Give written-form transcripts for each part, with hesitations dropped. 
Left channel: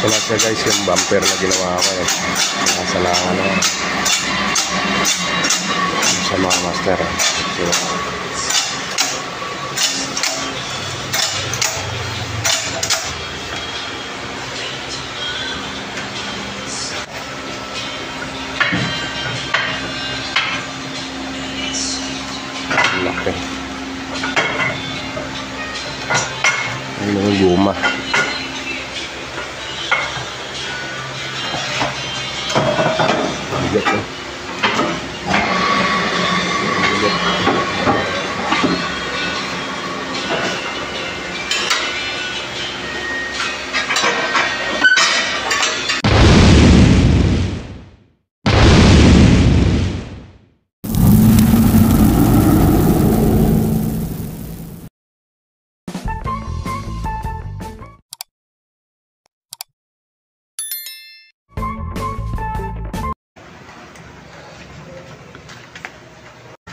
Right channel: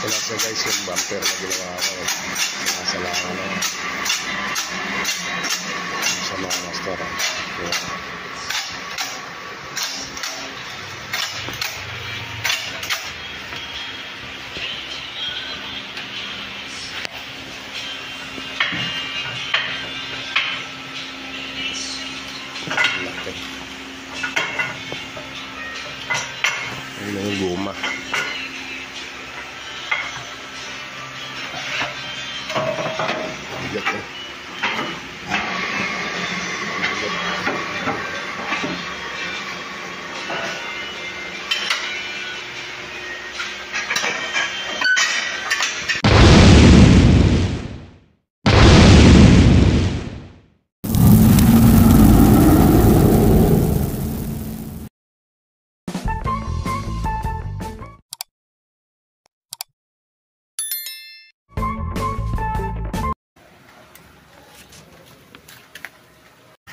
Wala siya guys, yung bumper na ginawa ko eh. Nakasalahan na. Sa mga master. Laki. Ayun yung guma. Bigat eh.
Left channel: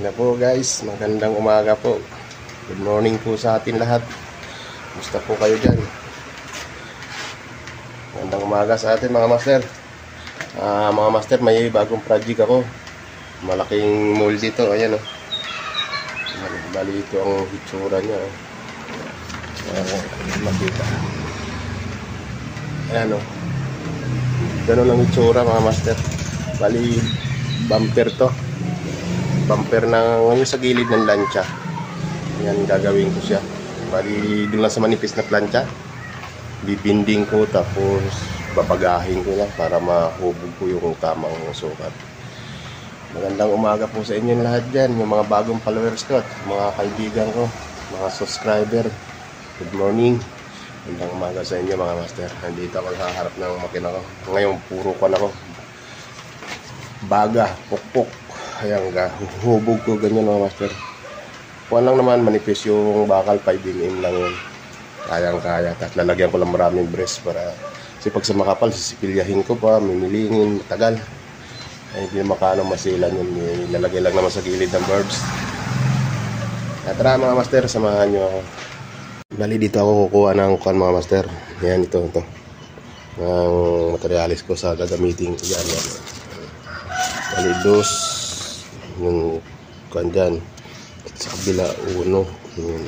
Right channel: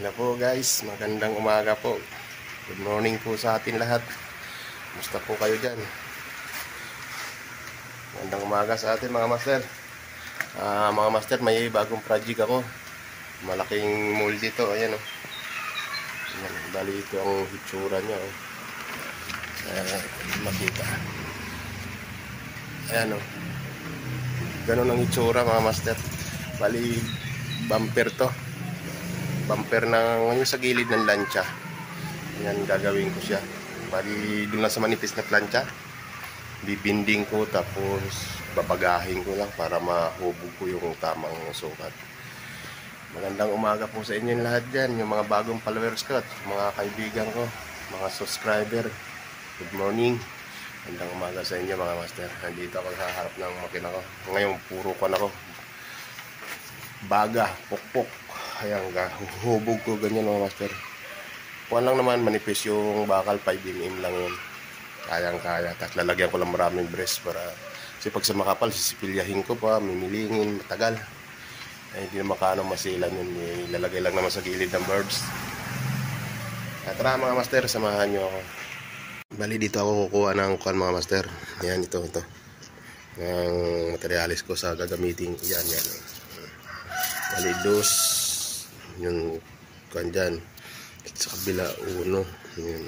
Na po guys, magandang umaga po. Good morning po sa atin lahat. Gusto po kayo dyan? Magandang umaga sa atin mga master. Mga master, may bagong project ako. Malaking mold dito, ayan o. Bali ito ang hitsura nya o. Makita. Ayan o. Ganun ang hitsura mga master. Bali bumper to. Bumper na ngayon sa gilid ng lancha. Yan gagawin ko siya. Bali doon lang sa manipis na plancha. Bibinding ko tapos babagahin ko lang para mahubog ko yung tamang sukat. Magandang umaga po sa inyo lahat dyan. Yung mga bagong followers ko, mga kaibigan ko, mga subscriber. Good morning. Magandang umaga sa inyo mga master. Nandito ako sa harap ng makina ko. Ngayon puro ko na ako. Baga, pukpuk. Ayan, hubog ko ganyan mga master. Kuha lang naman, manipis yung bakal, 5mm lang yun. Kayang-kaya. Tapos lalagyan ko lang maraming brace para kasi pag sa makapal, sisipilyahin ko pa, mimilingin, matagal. Ay, hindi na makaano masilan yun. Ilalagay lang naman sa gilid ng birds. At tara mga master, samahan nyo ako. Bali dito ako kukuha ng kuhan mga master. Ayan, ito. Ang materialis ko sa gagamitin ko dyan. Bali dos. Yung kuhan dyan sa kabila 1 yung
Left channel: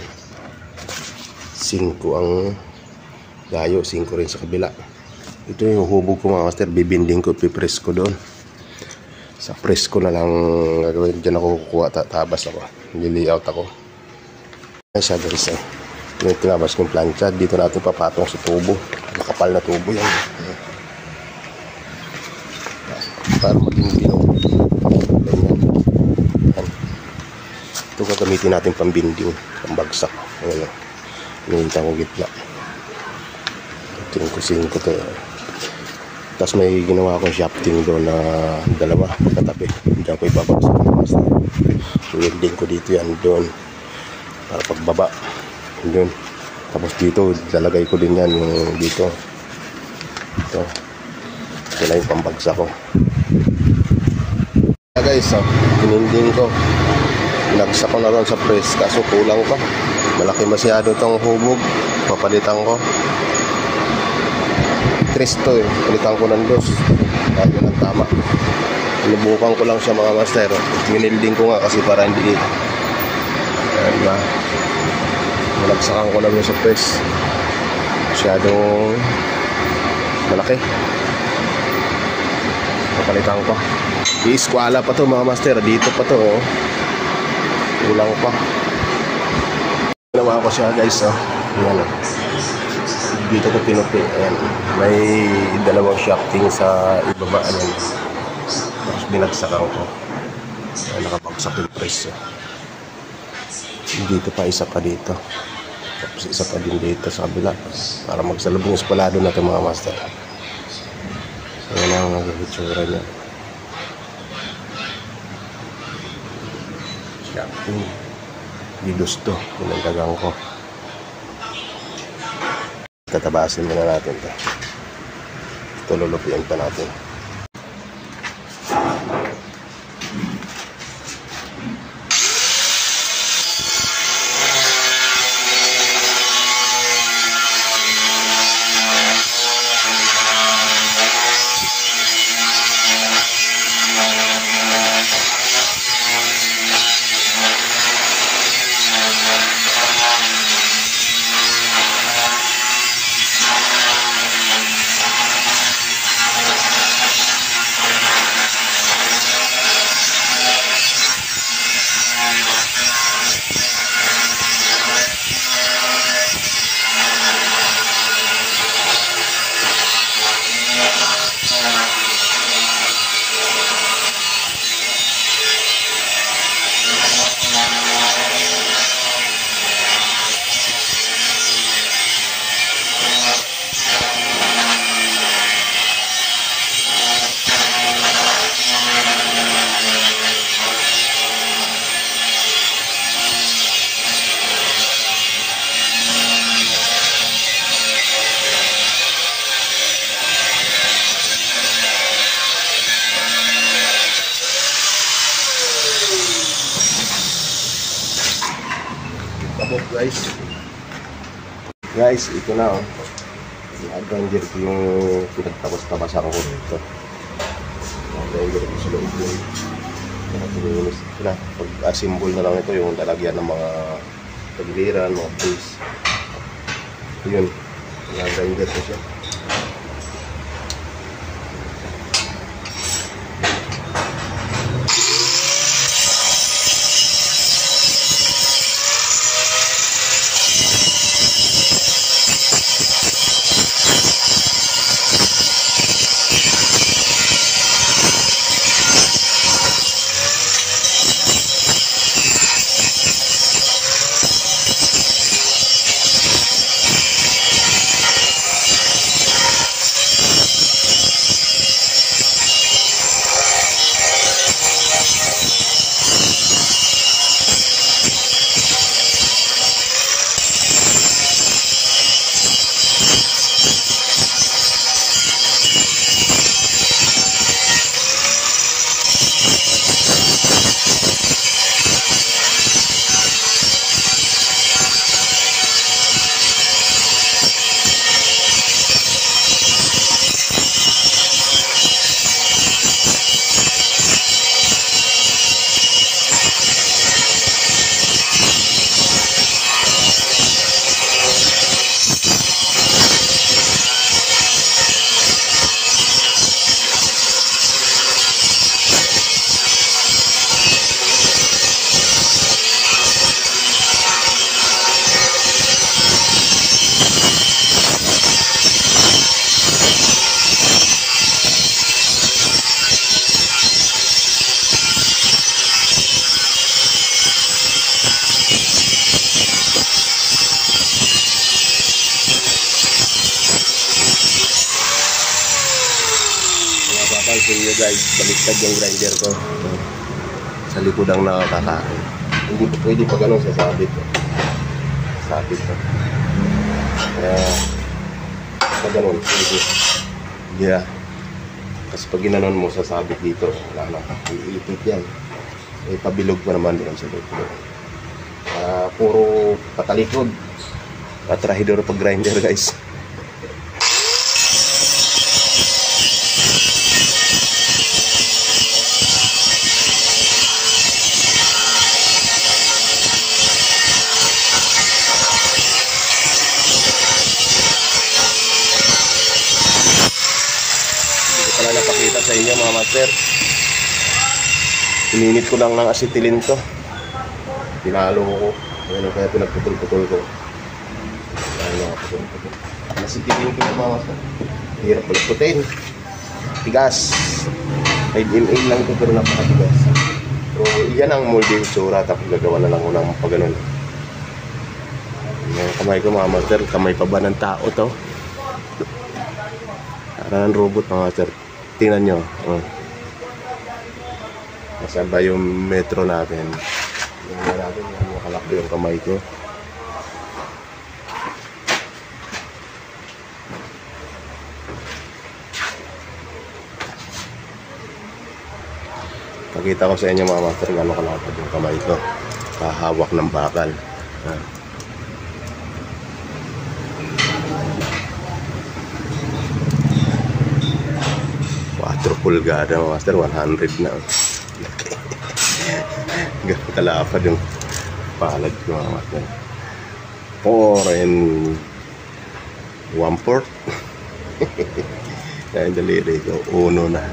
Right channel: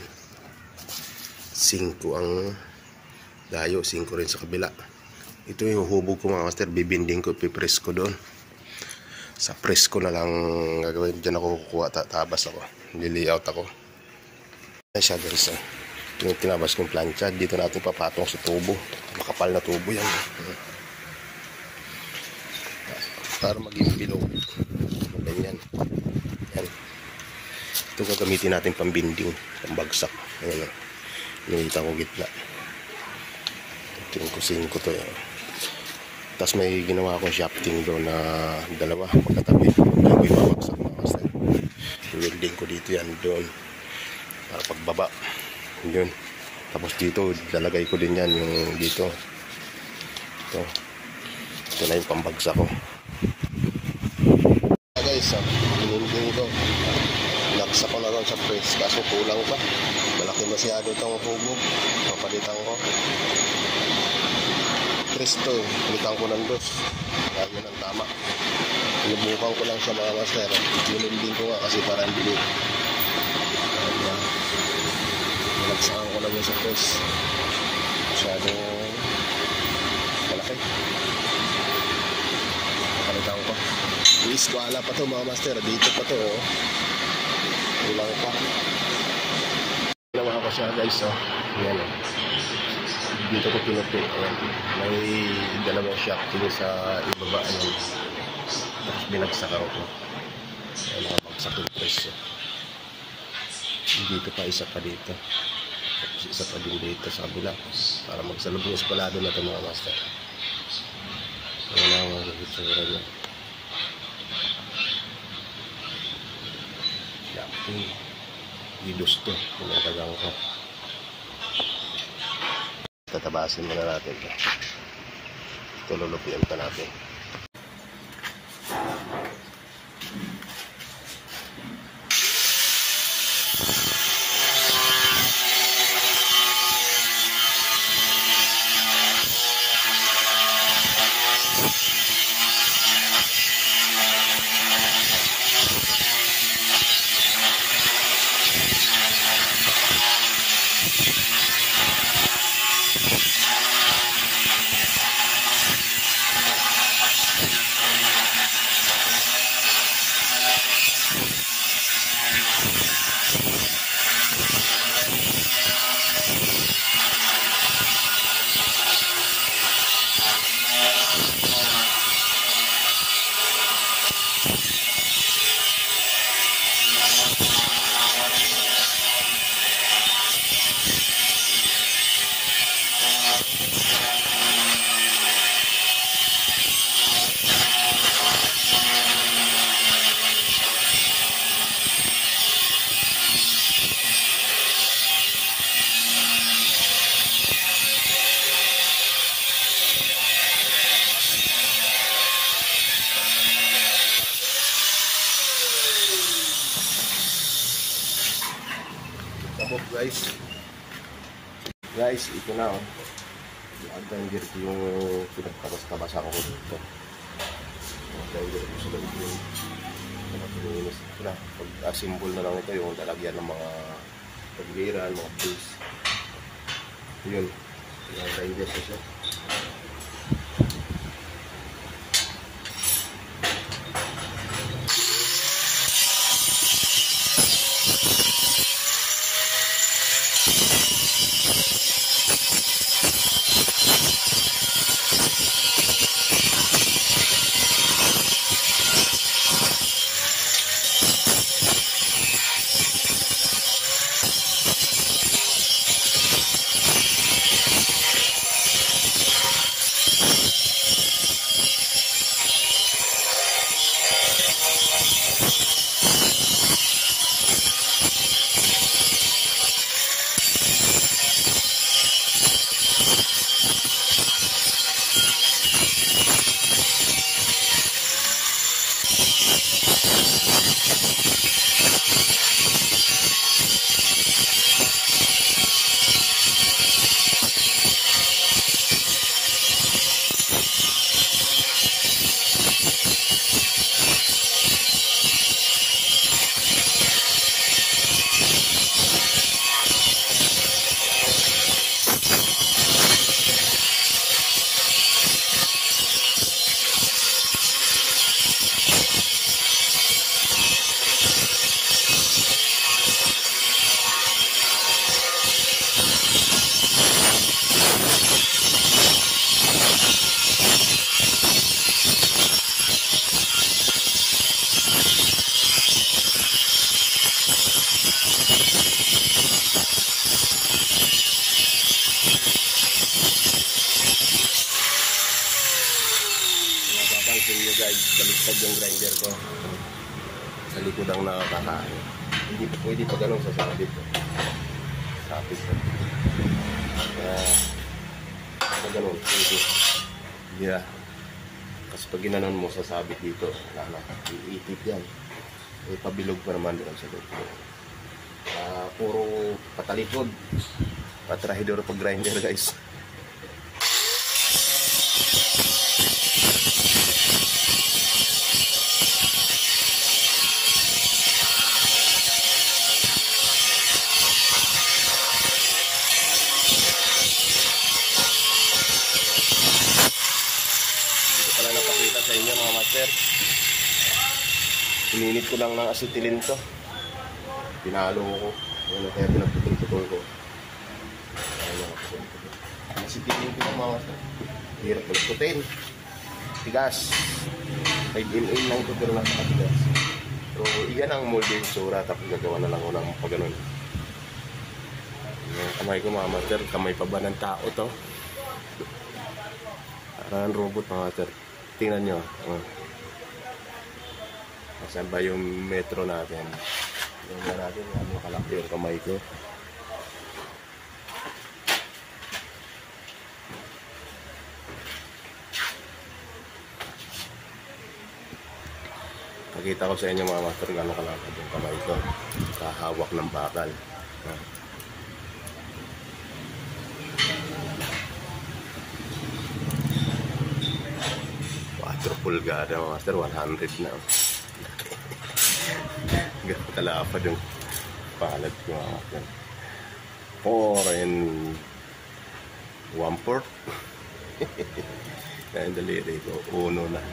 5 ang layo, 5 rin sa kabila. Ito yung hubog ko mga master, bibinding ko, pipress ko doon sa press ko na lang gagawin. Dyan ako kukuha, tabas ako, layout ako. Ayan siya guys eh. Yung tinabas kong plancha, dito natin papatong sa tubo, makapal na tubo yan para maging bilog. Ito gagamitin natin pambinding, pambagsak. Ayan, nilita ko gitla. Ito yung kusing ko to. Tapos may ginawa akong shafting doon na dalawa katabi. Kaya ko ipapagsak ng master. Welding ko dito yan doon para pagbaba yun. Tapos dito lalagay ko din yan yung dito. Ito na yung pambagsak ko guys. Pininding ko, pinagsak ko na lang sa press kaso kulang pa, malaki masyado tong hubog. Papalitan ko 3 to eh, palitan ko ng 2 kaya yun ang tama. Inubukan ko lang siya mga master. Minilding ko nga kasi para hindi malagsakan ko lang yung sa press, masyadong malaki. Papalitan ko, i-squala pa to mga master. Dito pa to oh. Kulang pa. Ginawa ko siya guys oh. Ayan. Dito ko pinupi. Ayan. May dalawang shafting sa ibaba. Ayan. Tapos binagsakan ko. Ayan, nakabagsak yung press oh. Dito pa, isa pa dito. Tapos isa pa din dito sa kabila para magsalubong espalado na ito mga master. Ayan ang magigitsura niya. Bidos to, pinagdagang ko. Tatabasin muna natin ito. Ito lulupian pa natin. guys. Guys, ito na oh. Nag-grinder ko yung pinagtabas-tabasan ko dito. Nag-grinder ko sa loob yun. Pinilinis ko na. Pag-assemble na lang ito yung lalagyan ng mga tagliran, mga tools. Ito yun. Nag-grinder ko siya. Pansin nyo guys, baliktad yung grinder ko. Sa likod ang nakakakain. Hindi pa pwede pa ganun sa sabit. Sabit pa. Kaya, sa ganun, pwede. Yeah. Kasi pag ginanon mo sa sabit dito, wala na. Iipit yan. Eh, pabilog pa naman doon sa likod. Puro patalikod. Patrahidor pag grinder guys. Napakita sa inyo mga master. Ininit ko lang ng acetylene to. Pinalo ko. Ayan, kaya pinagputol-putol ko. Acetylene ko yung mga master. Hirap pala putin. Tigas. 5 ml lang ito pero napakatigas. So iyan ang molding tsura. Tapos gagawa na lang ko ng pagganon. Yung kamay ko mga master. Kamay pa ba ng tao to? Parang robot mga master. Tingnan nyo. Nasaan ba yung metro natin? Tingnan natin. Makalaki yung kamay ko. Pakita ko sa inyo mga master gano'ng kalapad yung kamay ko. Kahawak ng bakal. 4 pulgada master, 100 na. Ganun kalapad yung palad ko mga master. 4 and 1/4. Kaya yung daliri ko, 1 na.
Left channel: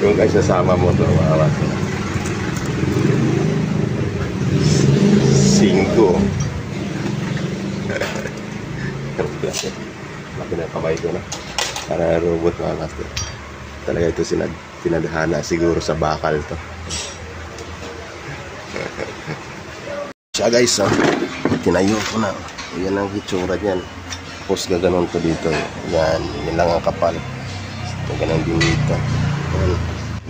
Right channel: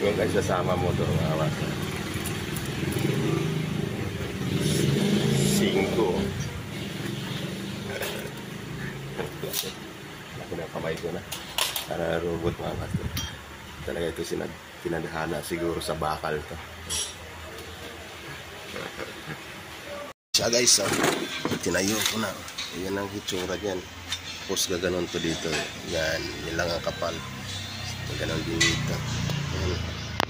Kung kayo sasama mo ito mga master, 5. Laki na kamay ko na. Para robot mga master. Talaga ito sinadhana siguro sa bakal to. Siya guys, tinayo ko na. Yan ang hitsura niyan. Tapos gaganon ko dito. Yan lang ang kapal. Gaganon din dito.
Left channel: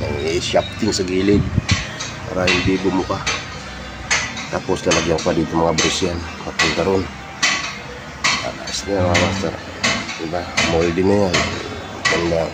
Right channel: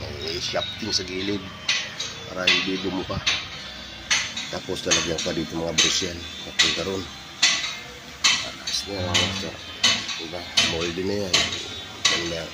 May shafting sa gilid para hindi bumuka. Tapos lalagyan pa dito mga brush yan. Papunta ron. Alas na mga master. Diba? Molding na yan. Ganda.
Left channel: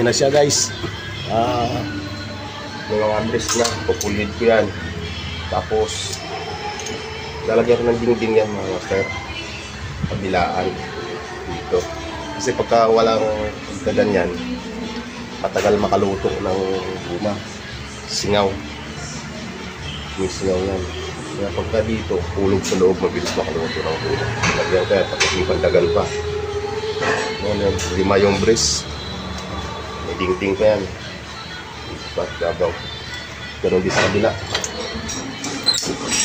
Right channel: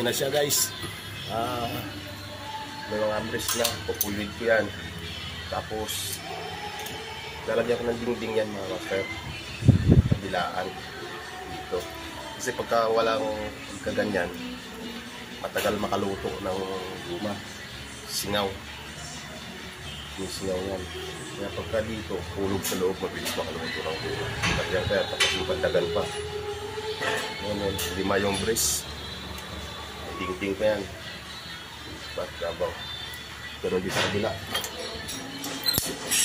Yan na siya guys. May mga brace niya, pupulid ko yan. Tapos lalagyan ko ng dingding yan mga master, kabilaan dito. Kasi pagka walang kaganyan, matagal makaluto ng guma. Singaw, may singaw yan. Kaya pagka dito, hulog sa loob, mabilis makaluto ng guma. Lagyan kaya pati pandagal pa. Yan, 5 yung brace. May dingding pa yan. Ipat, gabaw. Ganun din sa kabila.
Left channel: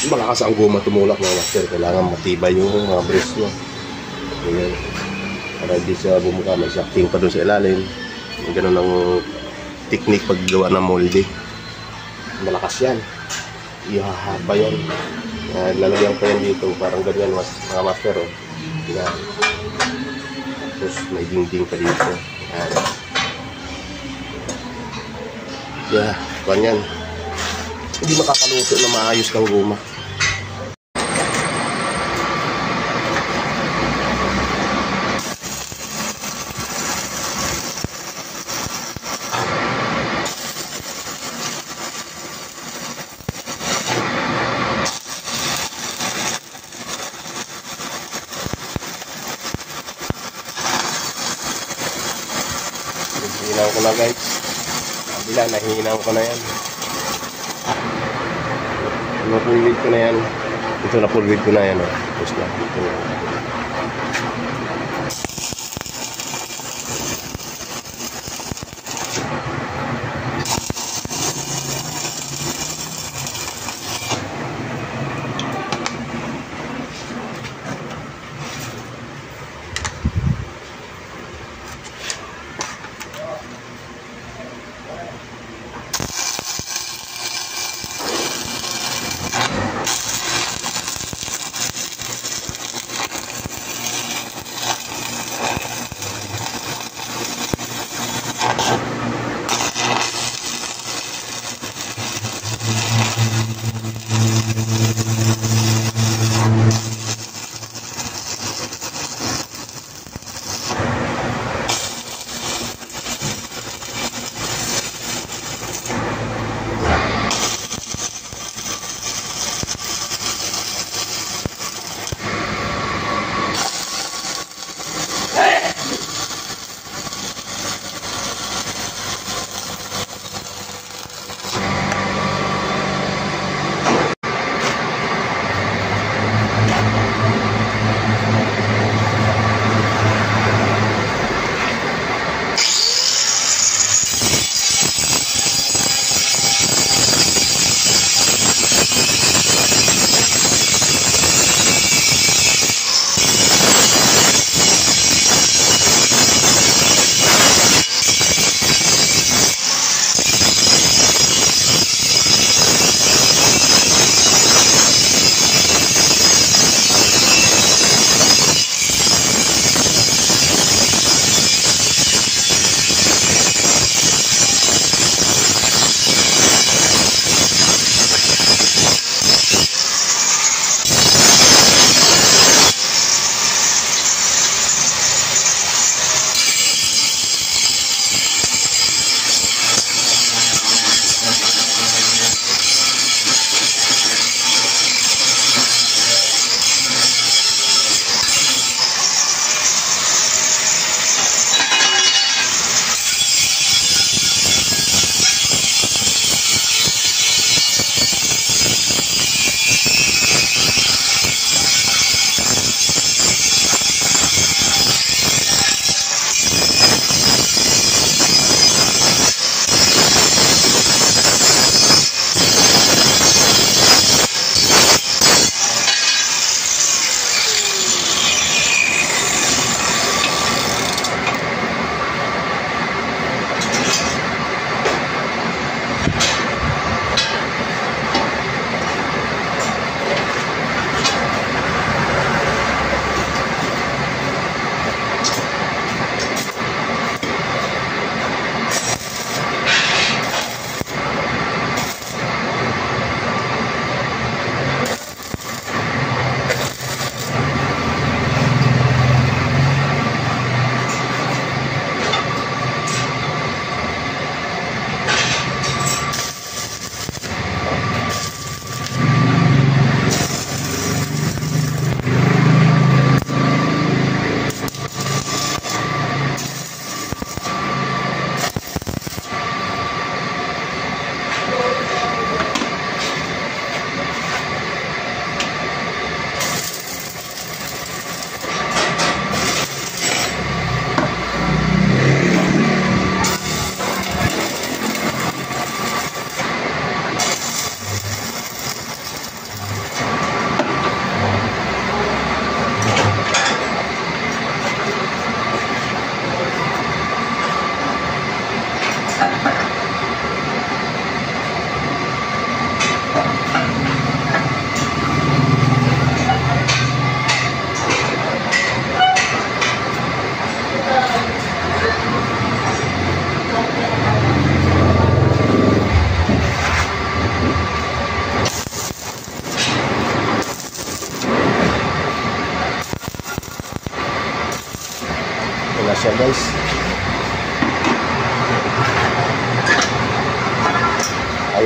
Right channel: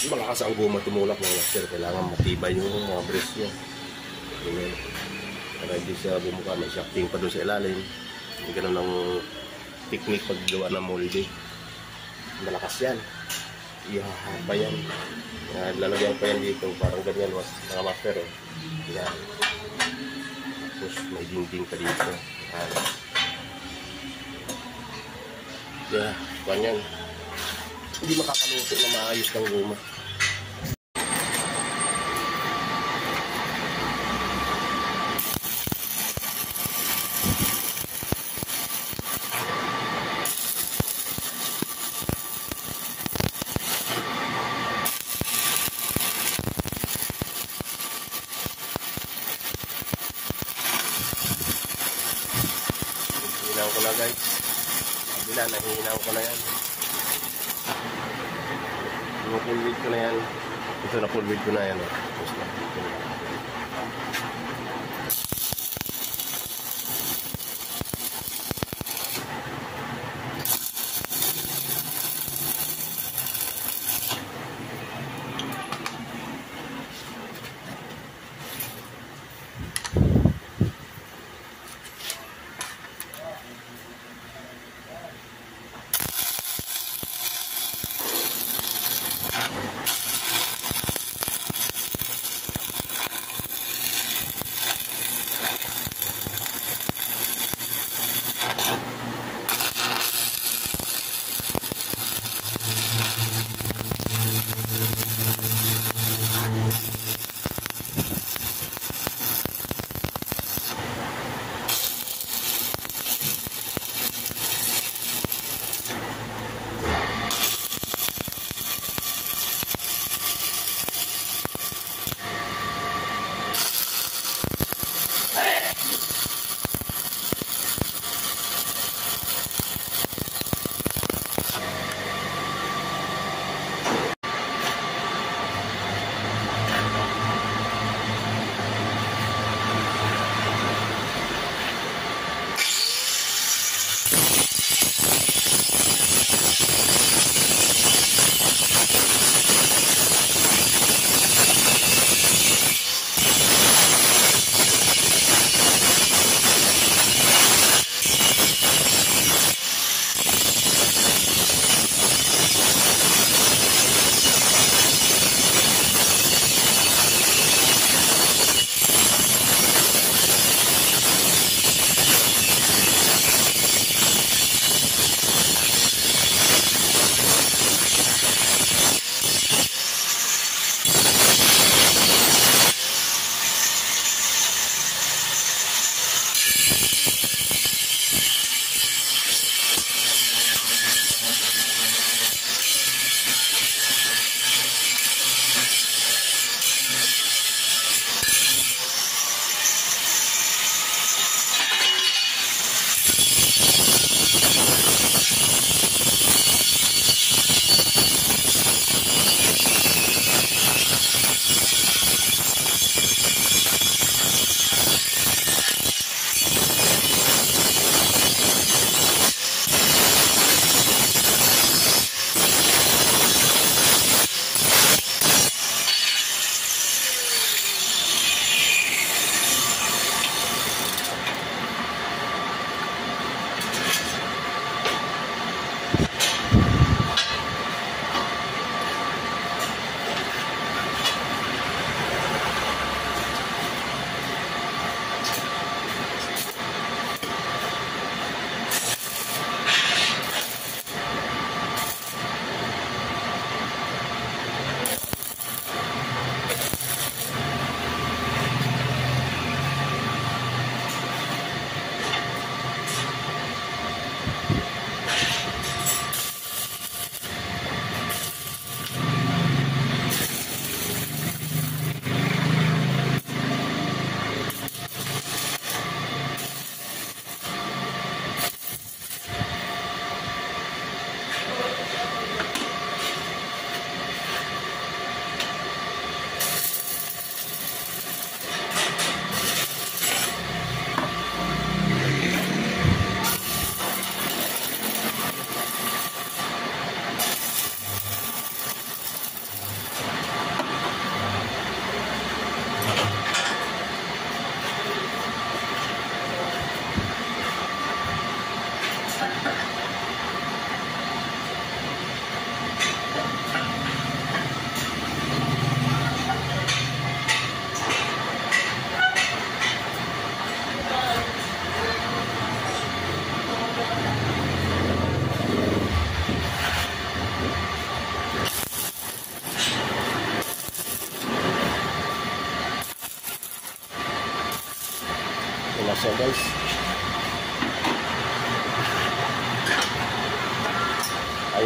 Malakas ang guma tumulak mga master. Kailangan matibay yung mga brace nyo. Ganyan. Para hindi siya bumuka. May shafting pa doon sa ilalim. Ganun ang technique paggawa ng molde. Malakas yan. Ihahaba yan. Lalagyan pa yan dito. Parang ganyan mga master. Oh. Yan. Tapos may dingding pa dito. Yan. Yeah, ganyan. Hindi makakaluto na maayos ng guma. Hinaw ko na guys. Kabila, nahihinaw ko na yan. Napulwid ko na yan. Ito napulwid ko na yan. Tapos na. Ito na.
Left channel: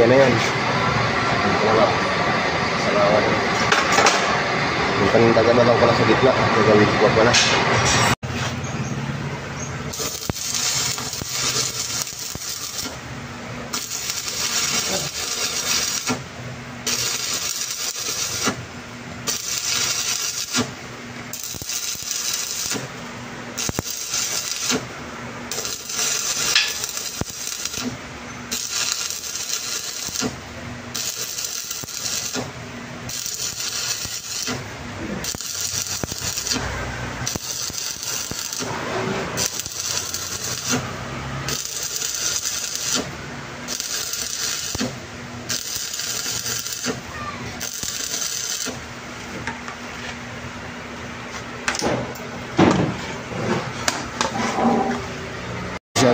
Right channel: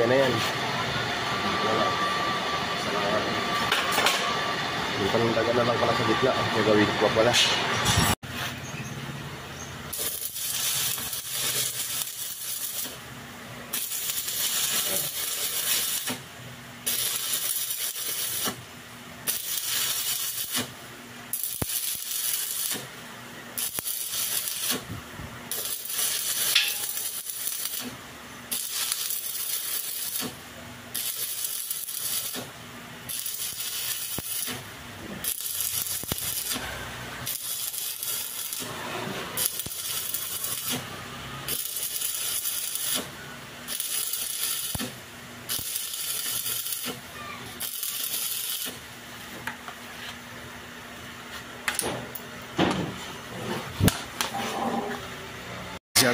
na yan. Ito lang. Salamat. Yung pandaga na lang pala sa gitna. Gagawin ko pala.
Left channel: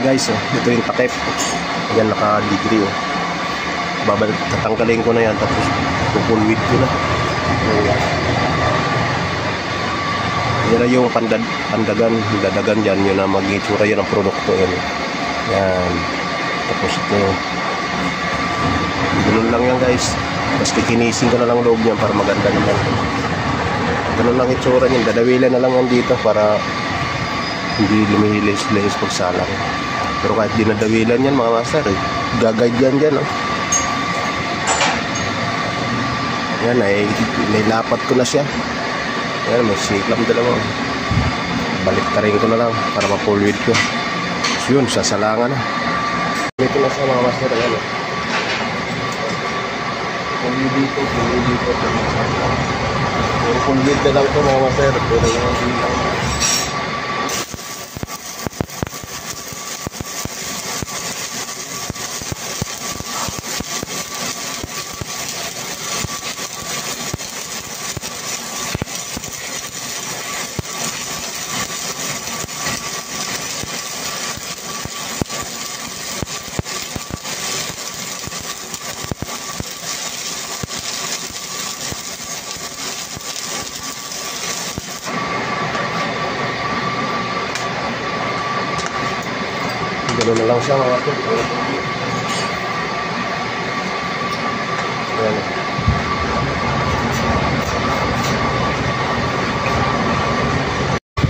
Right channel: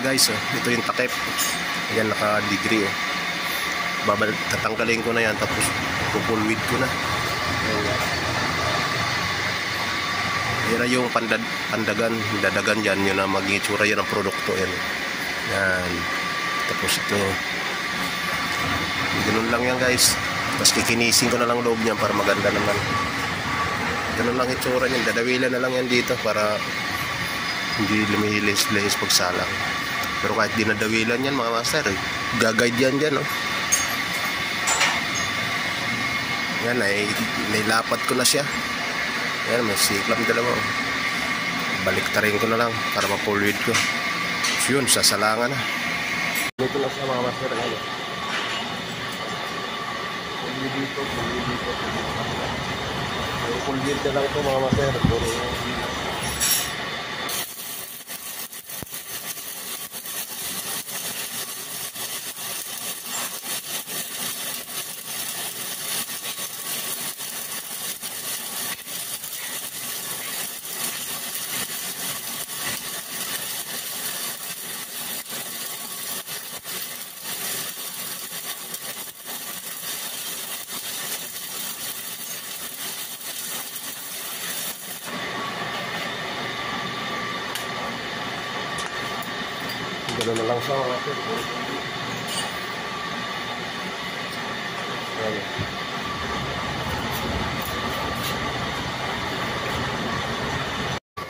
Guys, ito yung takip. Ayan, naka-degree. Babalik, tatanggalin ko na yan, tapos pupulwid ko na. Yan na yung pandagan, dadagan dyan, yun na mag-itsura yan ang produkto. Yan. Tapos ito. Ganun lang yan guys. Tapos kikinisin ko na lang loob niyan para maganda naman. Ganun lang itsura niyan. Dadawilan na lang yan dito para hindi lumihilis-lihis pagsalang. Pero kahit di nadawilan yan mga master, gagayad yan dyan. Yan, nailapat ko na siya. Yan, may siklam dalawa. Baliktarin ko na lang para ma-forward ko. So yun, sasalangan na. Dito na siya mga master. Yan, forward dito, forward dito. Forward na lang ito mga master. Pero yung lang. Gano'n na lang siya mga kapit.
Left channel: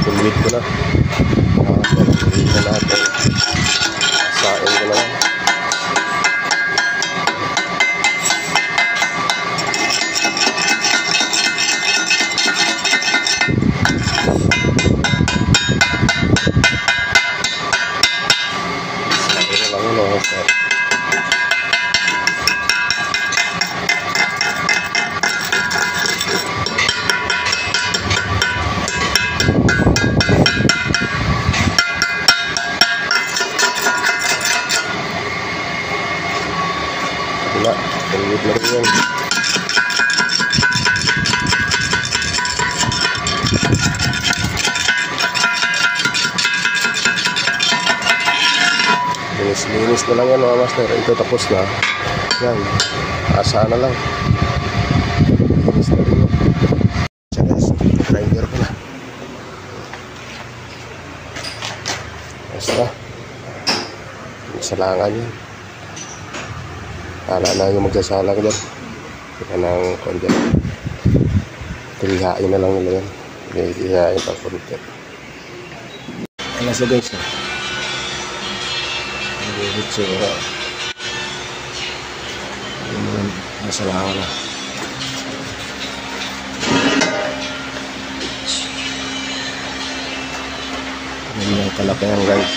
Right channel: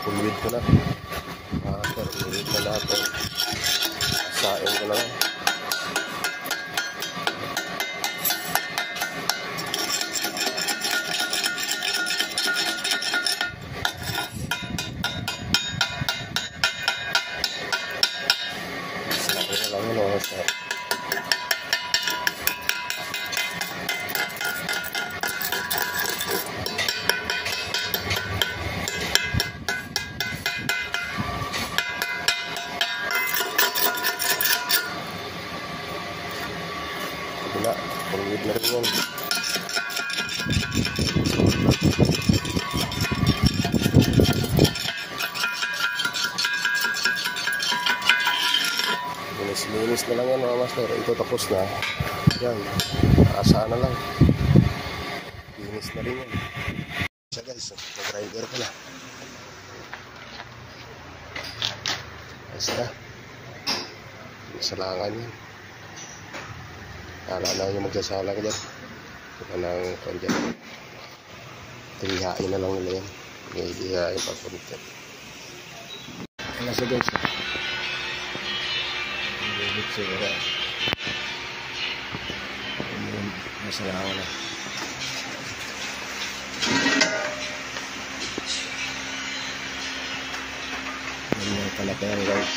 Pulwid ko na. Pulwid na natin. Sain ko na lang. Wala, pulwid na rin yan. Linis na lang yan mga master. Ito tapos na. Yan, asa na lang. Linis na rin. Siya guys, grinder ko na. Basta salangan yan. Kala na yung magsasalang dyan. Kita ng konti. Tilihain na lang nila yan. Tilihain pa konti. Alas na guys. Itsura. Masalangan na. Hindi na kalaki yan guys.